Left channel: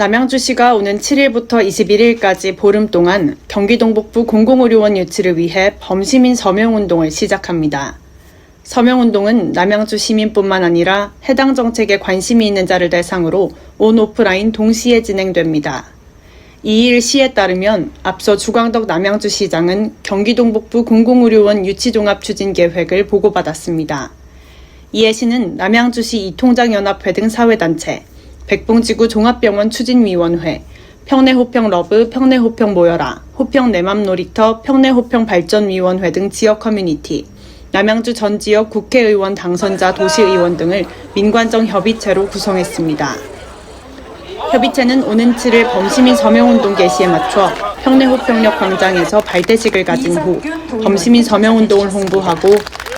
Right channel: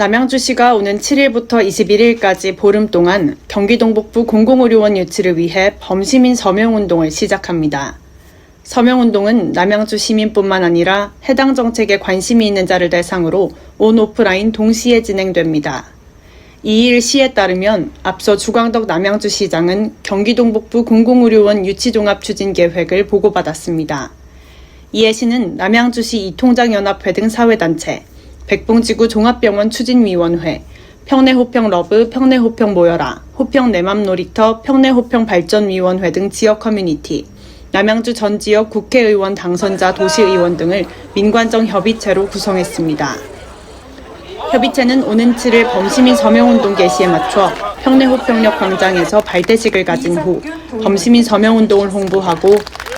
남양주시가 오는 7일부터 21일까지 보름 동안 경기 동북부 공공의료원 유치를 위해 범시민 서명운동을 시작합니다. 서명운동은 남양주 시민뿐만 아니라 해당 정책에 관심이 있는 자를 대상으로 온 오프라인 동시에 진행됩니다. 2일 시에 따르면 앞서 주광덕 남양주시장은 경기 동북부 공공의료원 유치종합 추진 계획을 보고받았습니다. 이해 시는 남양주시 이통장연합회 등 사회단체, 백봉지구 종합병원 추진위원회, 평내호평 러브, 평내호평 모여라, 호평 내맘 놀이터, 평내호평 발전위원회 등 지역 커뮤니티, 남양주 전 지역 국회의원 당선자 도시의원 등을 민관정 협의체로 구성했습니다. 협의체는 오는 7일 범시민 서명운동 개시에 맞춰 평내호평역 광장에서 발대식을 가진 후 범시민 서명운동을 홍보하고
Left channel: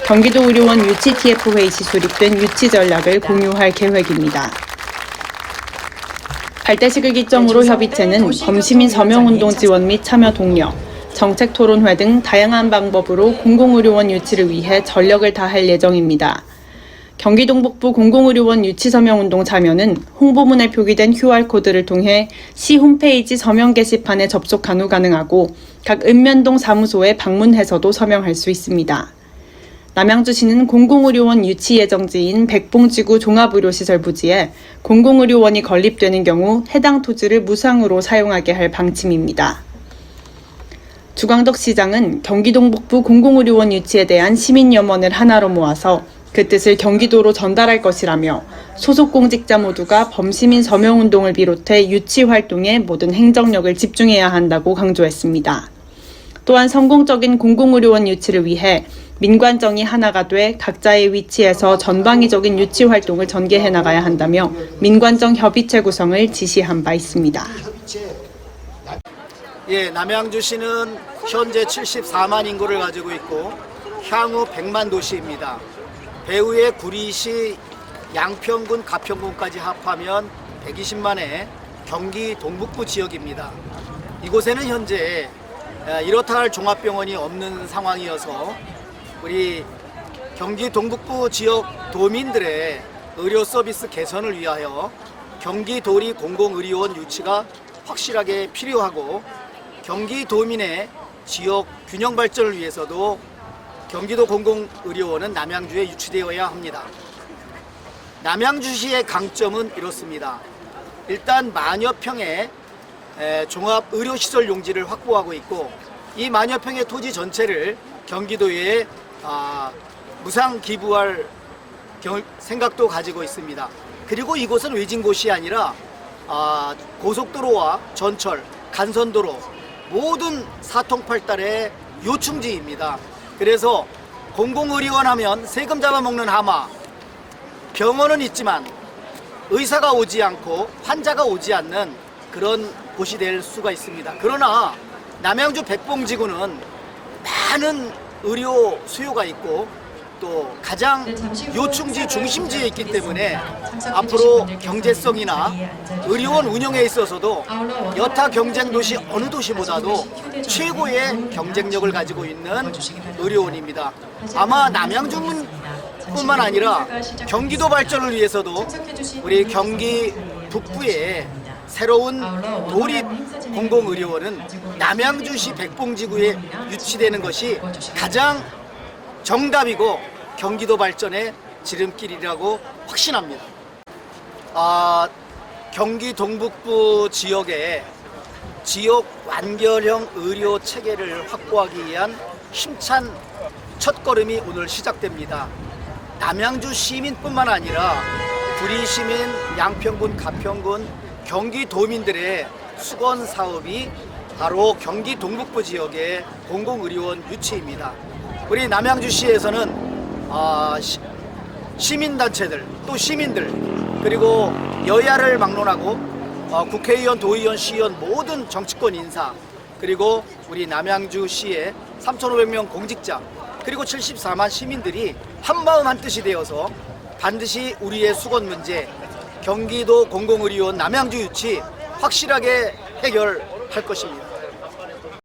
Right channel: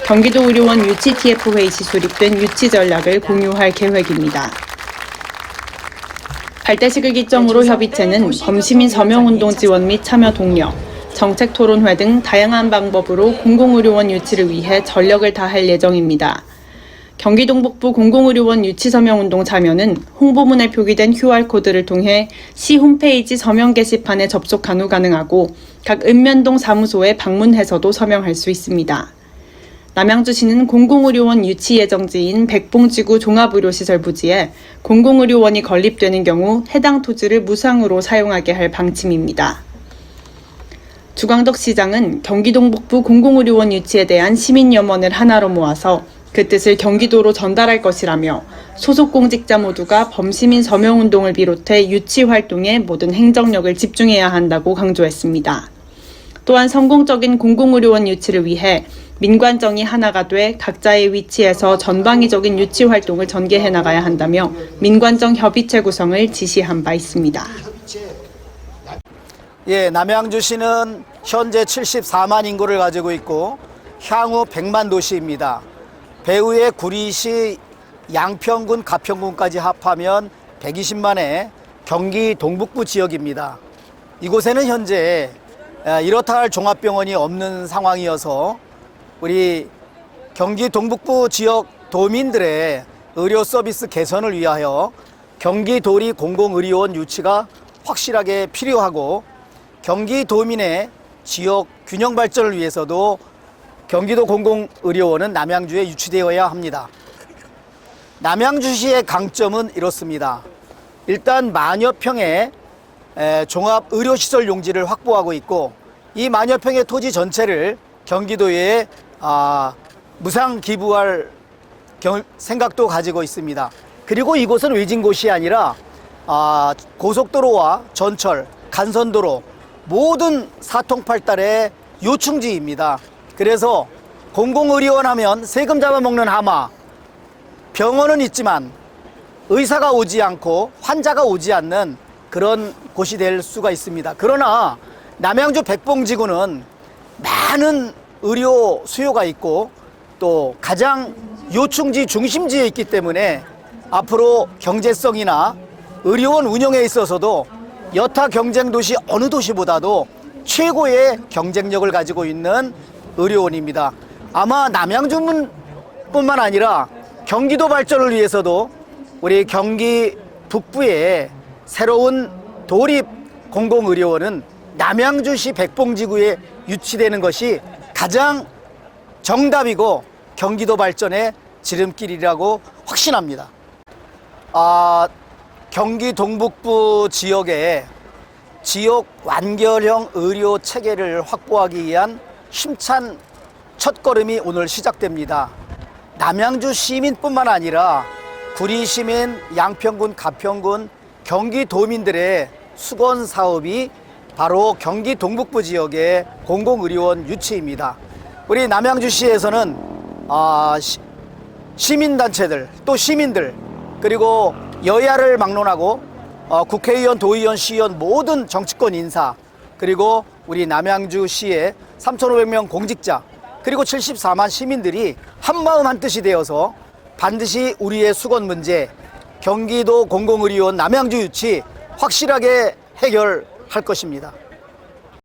경기도 의료원 유치 TF 회의 시 수립된 유치 전략을 공유할 계획입니다. 발대식을 기점으로 협의체는 범시민 서명운동 지원 및 참여 독려, 정책 토론회 등 다양한 방법으로 공공의료원 유치를 위해 전력을 다할 예정입니다. 경기 동북부 공공의료원 유치 서명 운동 참여는 홍보문에 표기된 QR코드를 통해 시 홈페이지 서명 게시판에 접속한 후 가능하고 각 읍면동 사무소에 방문해서도 서명할 수 있습니다. 남양주시는 공공의료원 유치 예정지인 백봉지구 종합의료시설 부지에 공공의료원이 건립되는 경우 해당 토지를 무상으로 사용하게 할 방침입니다. 주광덕 시장은 경기동북부 공공의료원 유치에 대한 시민염원을 하나로 모아서 그 뜻을 경기도로 전달할 것이라며 소속 공직자 모두가 범시민 서명운동을 비롯해 유치 활동에 모든 행정력을 집중해야 한다고 강조했습니다. 또한 성공적인 공공의료원 유치를 위해 민관정이 하나가 돼 각자의 위치에서 전방위적인 유치 활동을 전개해 나가야 한다며 민관정 협의체 구성을 지시한 바 있습니다. 예, 남양주시는 현재 74만 인구를 가지고 있고 향후 100만 도시입니다. 배후의 구리시 양평군, 가평군까지 합하면 120만의 경기 동북부 지역입니다. 이곳에는 현재 아, 이렇다 할 종합병원이 없는 상황이어서 우리 경기 동북부 지역 도민들의 의료 서비스 개선을 위하여 경기도리 공공의료원 유치가 확실하게 필요하고 경기 도민의 지역 균형 발전을 위해서도 경기도 공공의료원은 남양주에 유치되어야 합니다. 남양주시의 강점은 이렇습니다. 일단 만여 평의 에, 종합 의료시설 용지를 확보하고 있고 이 만여 평의 토지 전체를 경기도에 아, 무상 기부할 경- 생각도 가지고 있습니다. 그리고 이곳은 외진 곳이 아니라 아, 고속도로와 전철, 간선도로 모든 사통팔달의 요충지입니다. 그래서 공공의료원 하면 세금 잡아먹는 하마, 병원은 있지만 의사가 오지 않고 환자가 오지 않는 그런 곳이 될 수가 있습니다. 그러나 남양주 백봉지구는 많은 의료 수요가 있고 또 가장 요충지 중심지에 있기 때문에 앞으로 경제성이나 의료원 운영에 있어서도 여타 경쟁 도시 어느 도시보다도 최고의 경쟁력을 가지고 있는 의료원입니다. 아마 남양주는 뿐만 아니라 경기도 발전을 위해서도 우리 경기 북부에 새로운 도립 공공의료원은 남양주시 백봉지구에 유치되는 것이 가장 정답이고 경기도 발전의 지름길이라고 확신합니다. 아, 경기 동북부 지역에 지역 완결형 의료 체계를 확보하기 위한 힘찬 첫걸음이 오늘 시작됩니다. 남양주 시민뿐만 아니라 구리 시민, 양평군, 가평군, 경기 도민들의 수건 사업이 바로 경기 동북부 지역의 공공의료원 유치입니다. 우리 남양주시에서는 아, 시, 시민단체들 또 시민들 그리고 여야를 막론하고 어, 국회의원, 도의원, 시의원 모든 정치권 인사 그리고 우리 남양주시의 3,500명 공직자 그리고 74만 시민들이 한마음 한뜻이 되어서 반드시 우리의 수건 문제 경기도 공공의료원 남양주 유치 확실하게 해결 할 것입니다.